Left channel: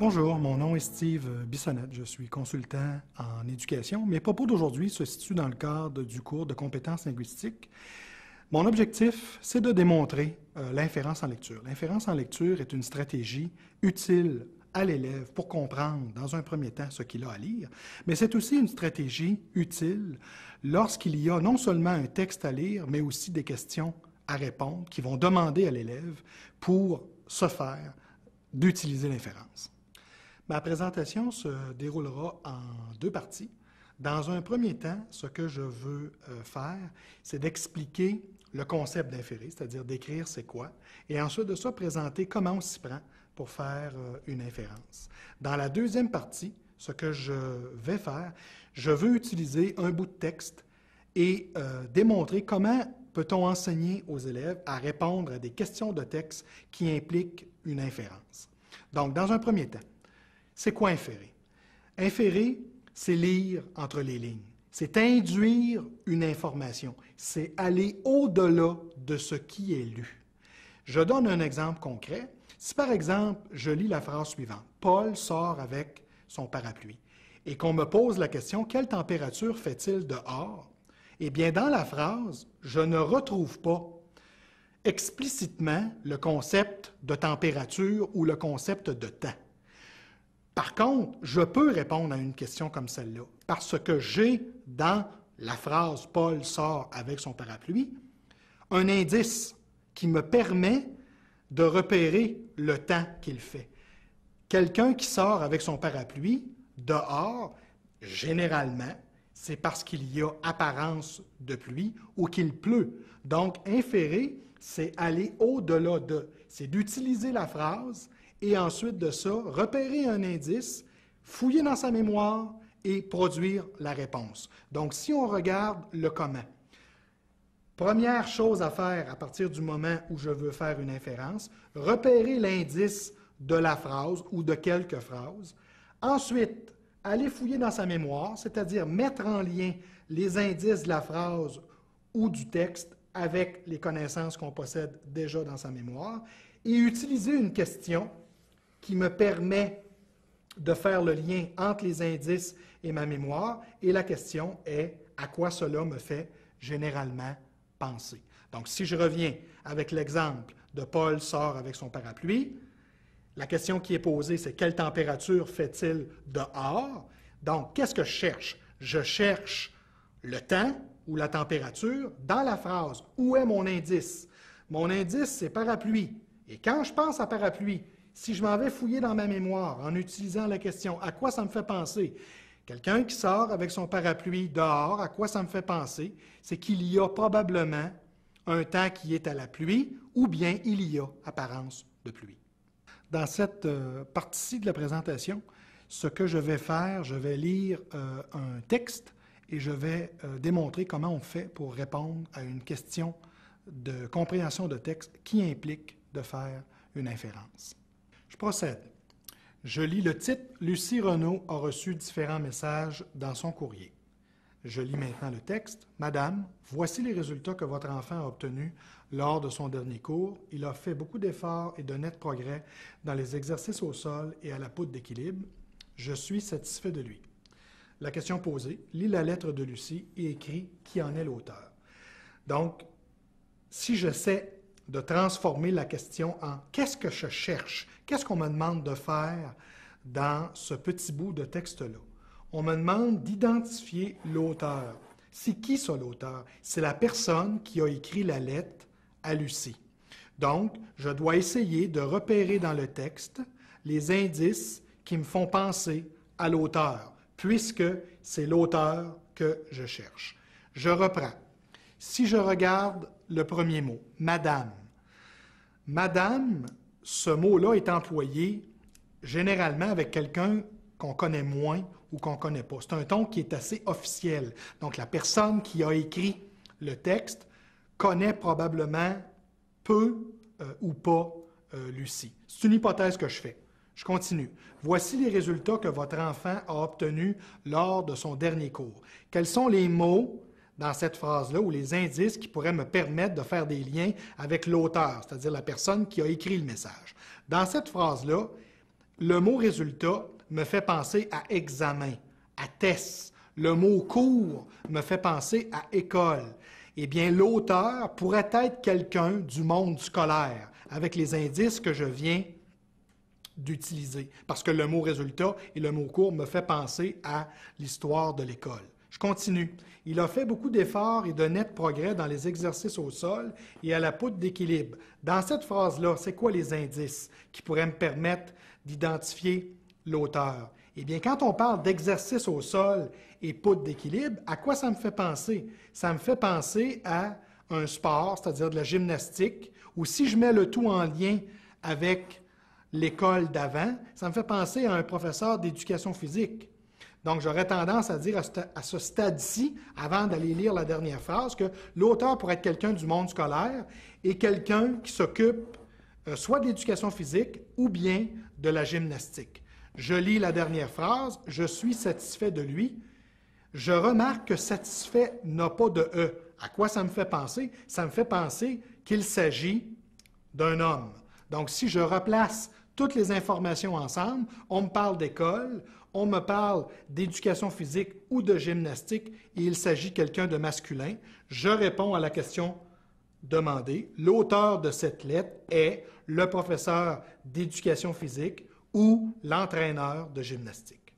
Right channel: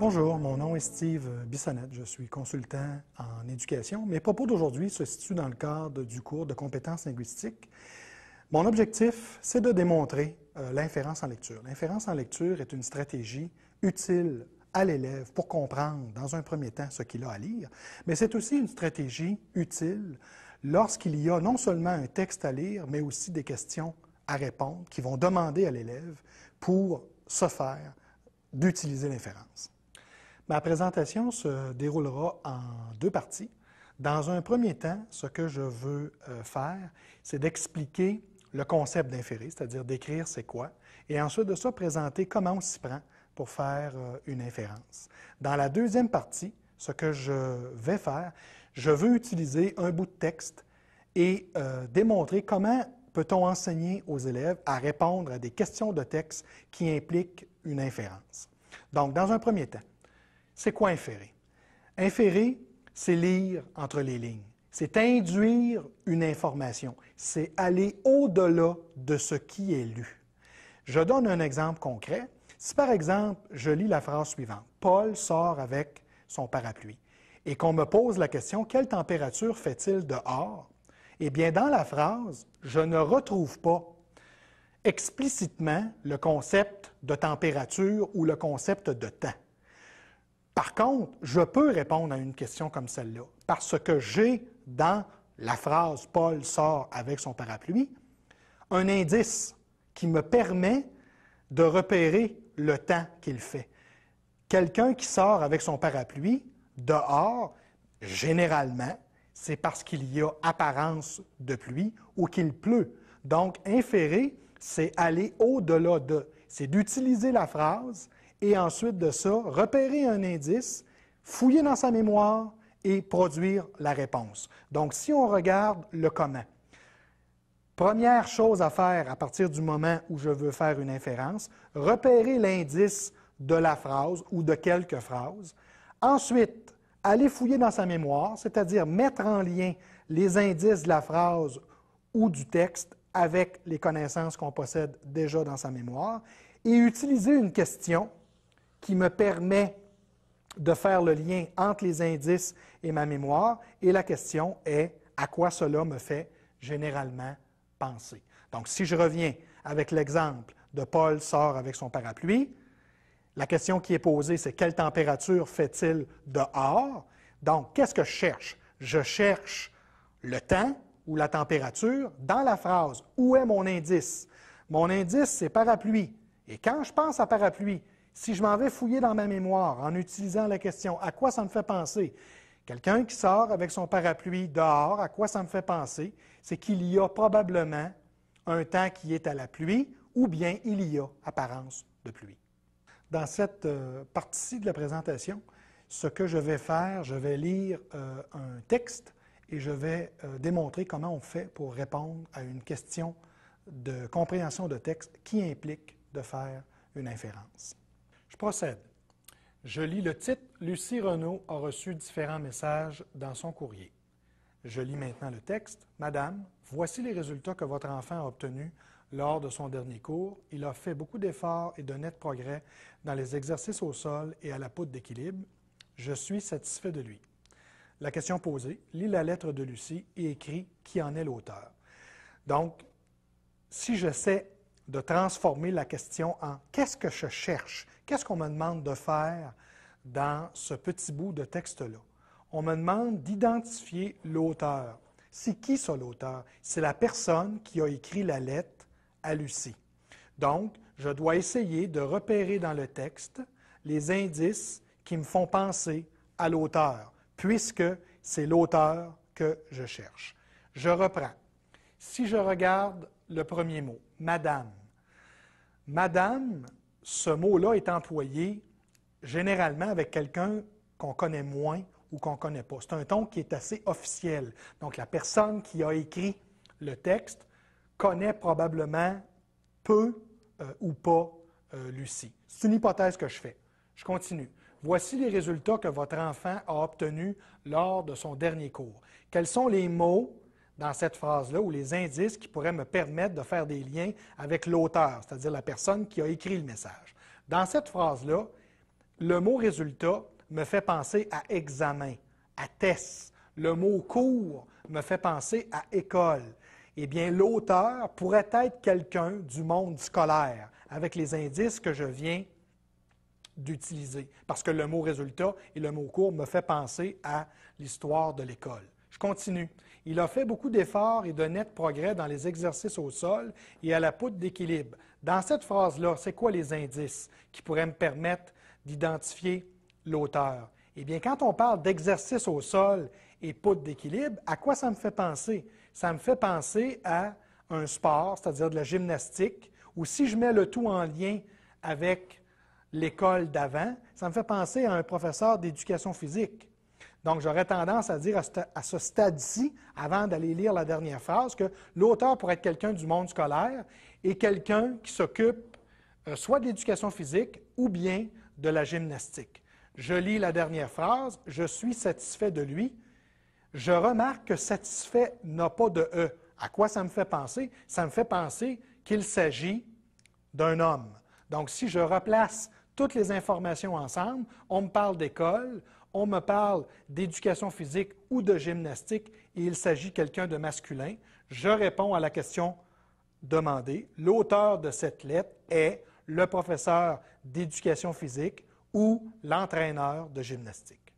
Bonjour, mon nom est Steve Bissonnette, je suis consultant en éducation. Mes propos d'aujourd'hui se situent dans le cadre du cours de compétences linguistiques. Mon objectif, c'est de démontrer l'inférence en lecture. L'inférence en lecture est une stratégie utile à l'élève pour comprendre, dans un premier temps, ce qu'il a à lire, mais c'est aussi une stratégie utile lorsqu'il y a non seulement un texte à lire, mais aussi des questions à répondre qui vont demander à l'élève pour se faire d'utiliser l'inférence. Ma présentation se déroulera en deux parties. Dans un premier temps, ce que je veux faire, c'est d'expliquer le concept d'inférer, c'est-à-dire d'écrire c'est quoi, et ensuite de ça, présenter comment on s'y prend pour faire une inférence. Dans la deuxième partie, ce que je vais faire, je veux utiliser un bout de texte et démontrer comment peut-on enseigner aux élèves à répondre à des questions de texte qui impliquent une inférence. Donc, dans un premier temps, c'est quoi inférer? Inférer, c'est lire entre les lignes. C'est induire une information. C'est aller au-delà de ce qui est lu. Je donne un exemple concret. Si, par exemple, je lis la phrase suivante, « Paul sort avec son parapluie », et qu'on me pose la question, « Quelle température fait-il dehors? » Eh bien, dans la phrase, je ne retrouve pas explicitement le concept de température ou le concept de temps. Par contre, je peux répondre à une question comme celle-là parce que j'ai dans la phrase « Paul sort avec son parapluie » un indice qui me permet de repérer le temps qu'il fait. Quelqu'un qui sort avec son parapluie dehors, généralement, c'est parce qu'il y a apparence de pluie ou qu'il pleut. Donc, inférer, c'est aller au-delà de, c'est d'utiliser la phrase et ensuite de ça, repérer un indice, fouiller dans sa mémoire et produire la réponse. Donc, si on regarde le comment, première chose à faire à partir du moment où je veux faire une inférence, repérer l'indice de la phrase ou de quelques phrases. Ensuite, aller fouiller dans sa mémoire, c'est-à-dire mettre en lien les indices de la phrase ou du texte avec les connaissances qu'on possède déjà dans sa mémoire et utiliser une question qui me permet de faire le lien entre les indices et ma mémoire. Et la question est, à quoi cela me fait généralement penser? Donc, si je reviens avec l'exemple de Paul sort avec son parapluie, la question qui est posée, c'est quelle température fait-il dehors? Donc, qu'est-ce que je cherche? Je cherche le temps ou la température dans la phrase. Où est mon indice? Mon indice, c'est parapluie. Et quand je pense à parapluie, si je m'en vais fouiller dans ma mémoire en utilisant la question « à quoi ça me fait penser ?» Quelqu'un qui sort avec son parapluie dehors, à quoi ça me fait penser? C'est qu'il y a probablement un temps qui est à la pluie ou bien il y a apparence de pluie. Dans cette partie de la présentation, ce que je vais faire, je vais lire un texte et je vais démontrer comment on fait pour répondre à une question de compréhension de texte qui implique de faire une inférence. Je procède. Je lis le titre « Lucie Renaud a reçu différents messages dans son courrier ». Je lis maintenant le texte. « Madame, voici les résultats que votre enfant a obtenus lors de son dernier cours. Il a fait beaucoup d'efforts et de nets progrès dans les exercices au sol et à la poudre d'équilibre. Je suis satisfait de lui. » La question posée, lis la lettre de Lucie et écris qui en est l'auteur. Donc, si j'essaie de transformer la question en « qu'est-ce que je cherche? Qu'est-ce qu'on me demande de faire dans ce petit bout de texte-là? » On me demande d'identifier l'auteur. C'est qui ça, l'auteur? C'est la personne qui a écrit la lettre à Lucie. Donc, je dois essayer de repérer dans le texte les indices qui me font penser à l'auteur, puisque c'est l'auteur que je cherche. Je reprends. Si je regarde le premier mot, « Madame », Madame, ce mot-là est employé généralement avec quelqu'un qu'on connaît moins ou qu'on ne connaît pas. C'est un ton qui est assez officiel. Donc, la personne qui a écrit le texte connaît probablement peu ou pas Lucie. C'est une hypothèse que je fais. Je continue. Voici les résultats que votre enfant a obtenus lors de son dernier cours. Quels sont les mots dans cette phrase-là ou les indices qui pourraient me permettre de faire des liens avec l'auteur, c'est-à-dire la personne qui a écrit le message? Dans cette phrase-là, le mot résultat me fait penser à examen, à test. Le mot cours me fait penser à école. Eh bien, l'auteur pourrait être quelqu'un du monde scolaire, avec les indices que je viens d'utiliser, parce que le mot résultat et le mot cours me fait penser à l'histoire de l'école. Je continue. Il a fait beaucoup d'efforts et de nets progrès dans les exercices au sol et à la poutre d'équilibre. Dans cette phrase-là, c'est quoi les indices qui pourraient me permettre d'identifier l'auteur? Eh bien, quand on parle d'exercice au sol et poutre d'équilibre, à quoi ça me fait penser? Ça me fait penser à un sport, c'est-à-dire de la gymnastique, ou si je mets le tout en lien avec l'école d'avant, ça me fait penser à un professeur d'éducation physique. Donc, j'aurais tendance à dire à ce stade-ci, avant d'aller lire la dernière phrase, que l'auteur pourrait être quelqu'un du monde scolaire et quelqu'un qui s'occupe soit de l'éducation physique ou bien de la gymnastique. Je lis la dernière phrase, « Je suis satisfait de lui ». Je remarque que « satisfait » n'a pas de « e ». À quoi ça me fait penser? Ça me fait penser qu'il s'agit d'un homme. Donc, si je replace toutes les informations ensemble, on me parle d'école, on me parle d'éducation physique ou de gymnastique, et il s'agit de quelqu'un de masculin. Je réponds à la question demandée. L'auteur de cette lettre est le professeur d'éducation physique ou l'entraîneur de gymnastique.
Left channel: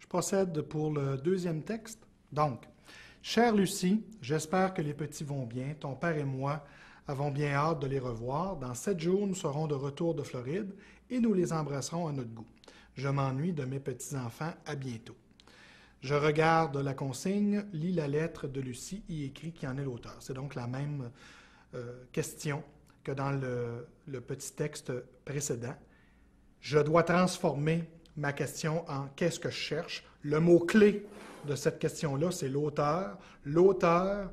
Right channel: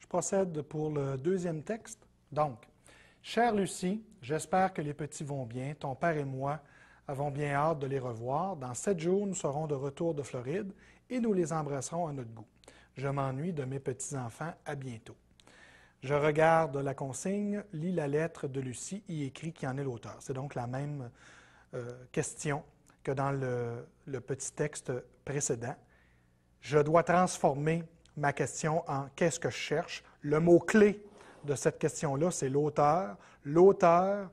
Je procède pour le deuxième texte. Donc, « Chère Lucie, j'espère que les petits vont bien. Ton père et moi avons bien hâte de les revoir. Dans 7 jours, nous serons de retour de Floride et nous les embrasserons à notre goût. Je m'ennuie de mes petits-enfants. À bientôt. » Je regarde la consigne, lis la lettre de Lucie y écrit qui en est l'auteur. C'est donc la même question que dans le petit texte précédent. Je dois transformer ma question en « qu'est-ce que je cherche ?» Le mot-clé de cette question-là, c'est l'auteur. L'auteur,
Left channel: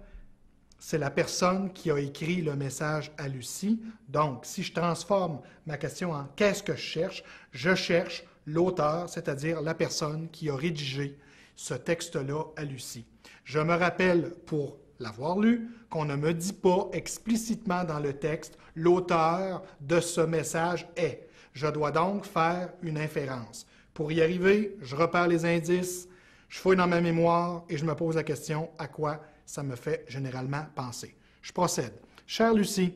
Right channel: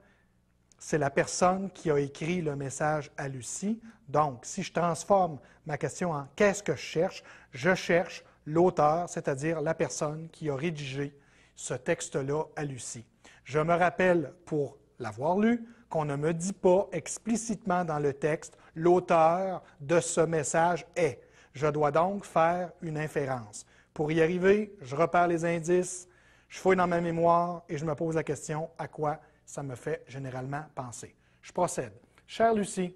c'est la personne qui a écrit le message à Lucie. Donc, si je transforme ma question en « qu'est-ce que je cherche l'auteur, c'est-à-dire la personne qui a rédigé ce texte-là à Lucie. Je me rappelle, pour l'avoir lu, qu'on ne me dit pas explicitement dans le texte « l'auteur de ce message est ». Je dois donc faire une inférence. Pour y arriver, je repère les indices, je fouille dans ma mémoire et je me pose la question à quoi ça me fait généralement penser. Je procède. Chère Lucie,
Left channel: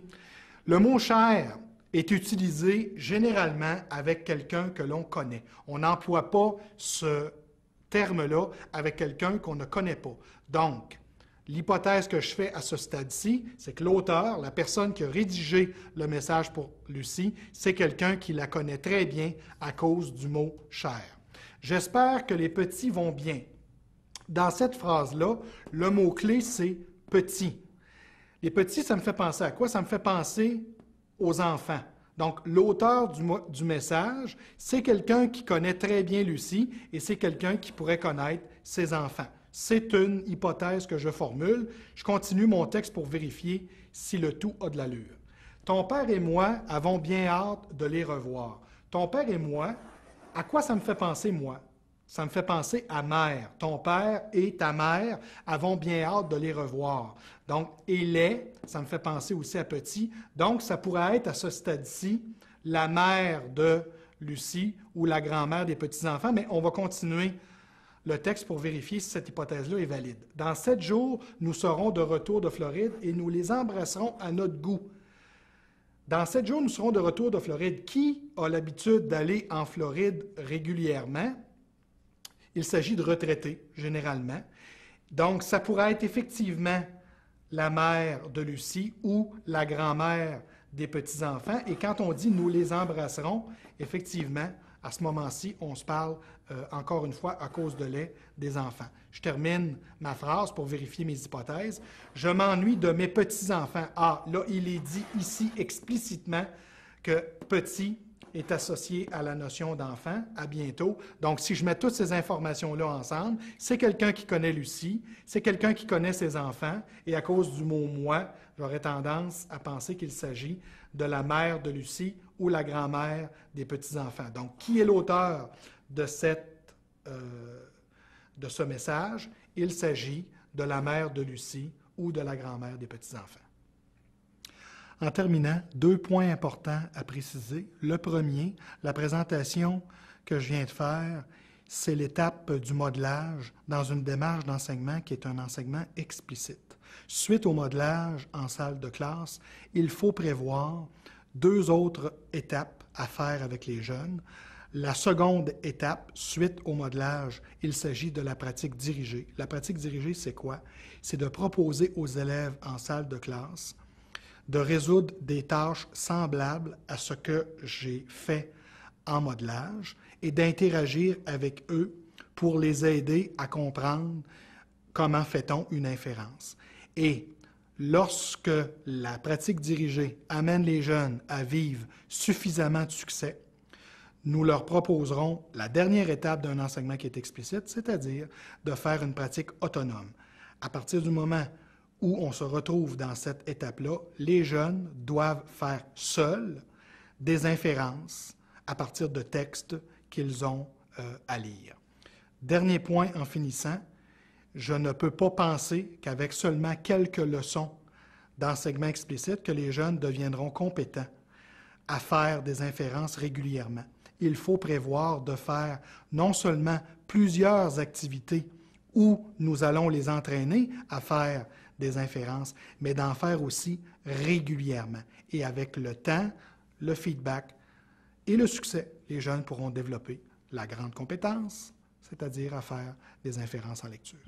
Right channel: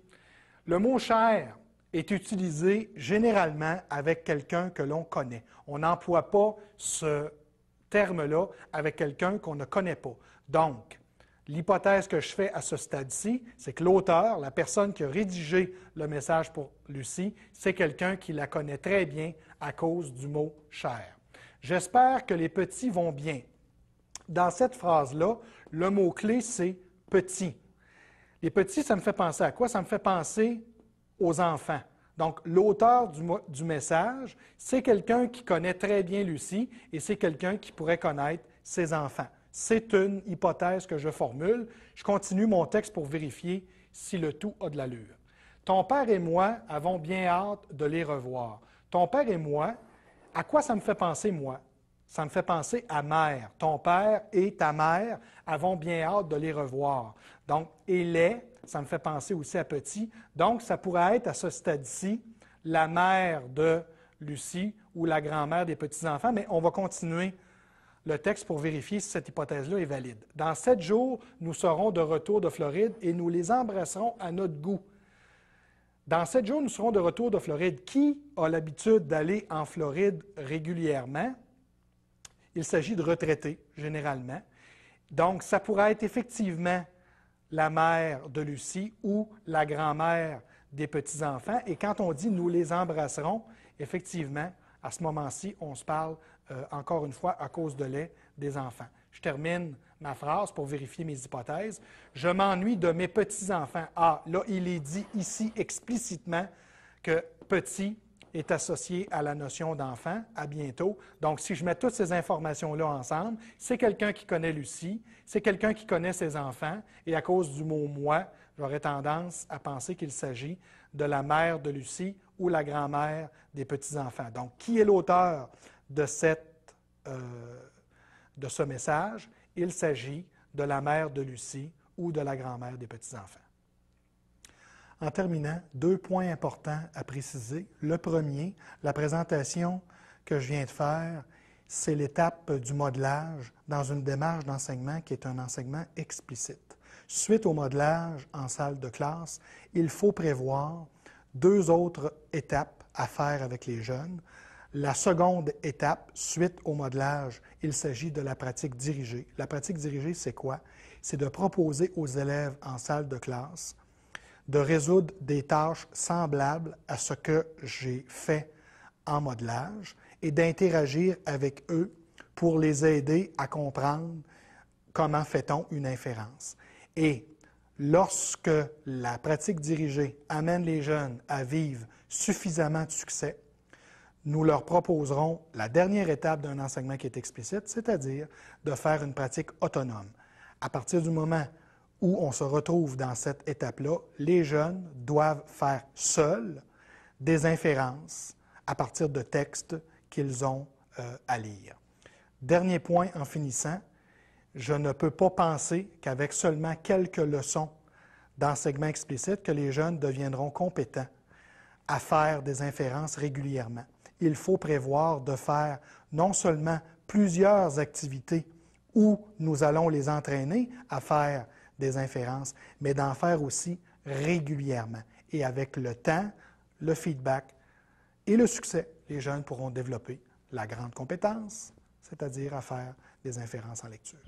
le mot « cher » est utilisé généralement avec quelqu'un que l'on connaît. On n'emploie pas ce terme-là avec quelqu'un qu'on ne connaît pas. Donc, l'hypothèse que je fais à ce stade-ci, c'est que l'auteur, la personne qui a rédigé le message pour Lucie, c'est quelqu'un qui la connaît très bien à cause du mot « cher ». J'espère que les petits vont bien. Dans cette phrase-là, le mot-clé, c'est « petit ». Les petits, ça me fait penser à quoi? Ça me fait penser aux enfants. Donc, l'auteur du message, c'est quelqu'un qui connaît très bien Lucie et c'est quelqu'un qui pourrait connaître ses enfants. C'est une hypothèse que je formule. Je continue mon texte pour vérifier si le tout a de l'allure. Ton père et moi avons bien hâte de les revoir. Ton père et moi, à quoi ça me fait penser, moi? Ça me fait penser à mère. Ton père et ta mère avons bien hâte de les revoir. Donc, et les, ça me fait penser aussi à petit. Donc, ça pourrait être à ce stade-ci la mère de Lucie ou la grand-mère des petits-enfants, mais on va continuer le texte pour vérifier si cette hypothèse-là est valide. Dans 7 jours, nous serons de retour de Floride et nous les embrasserons à notre goût. Dans 7 jours, nous serons de retour de Floride. Qui a l'habitude d'aller en Floride régulièrement? Il s'agit de retraités, généralement. Donc, ça pourrait être effectivement la mère de Lucie ou la grand-mère des petits-enfants. Et quand on dit « nous les embrasserons », effectivement, à ce moment-ci, on se parle, encore une fois, à cause de lait des enfants. Je termine ma phrase pour vérifier mes hypothèses. Je m'ennuie de mes petits-enfants. Ah, là, il est dit ici explicitement que « petit » est associé à la notion d'enfant. À bientôt. Donc, si je mets toutes ces informations-là ensemble, c'est quelqu'un qui connaît Lucie, c'est quelqu'un qui connaît ses enfants, et à cause du mot « moi », j'aurais tendance à penser qu'il s'agit de la mère de Lucie ou la grand-mère des petits-enfants. Donc, qui est l'auteur de ce message? Il s'agit de la mère de Lucie ou de la grand-mère des petits-enfants. En terminant, 2 points importants à préciser. Le premier, la présentation que je viens de faire, c'est l'étape du modelage dans une démarche d'enseignement qui est un enseignement explicite. Suite au modelage en salle de classe, il faut prévoir 2 autres étapes à faire avec les jeunes. La seconde étape, suite au modelage, il s'agit de la pratique dirigée. La pratique dirigée, c'est quoi? C'est de proposer aux élèves en salle de classe de résoudre des tâches semblables à ce que j'ai fait en modelage et d'interagir avec eux pour les aider à comprendre comment fait-on une inférence. Et lorsque la pratique dirigée amène les jeunes à vivre suffisamment de succès, nous leur proposerons la dernière étape d'un enseignement qui est explicite, c'est-à-dire de faire une pratique autonome. À partir du moment où on se retrouve dans cette étape-là, les jeunes doivent faire seuls des inférences à partir de textes qu'ils ont à lire. Dernier point en finissant, je ne peux pas penser qu'avec seulement quelques leçons d'enseignement explicite, que les jeunes deviendront compétents à faire des inférences régulièrement. Il faut prévoir de faire non seulement plusieurs activités où nous allons les entraîner à faire des inférences, mais d'en faire aussi régulièrement. Et avec le temps, le feedback et le succès, les jeunes pourront développer la grande compétence, c'est-à-dire à faire des inférences en lecture.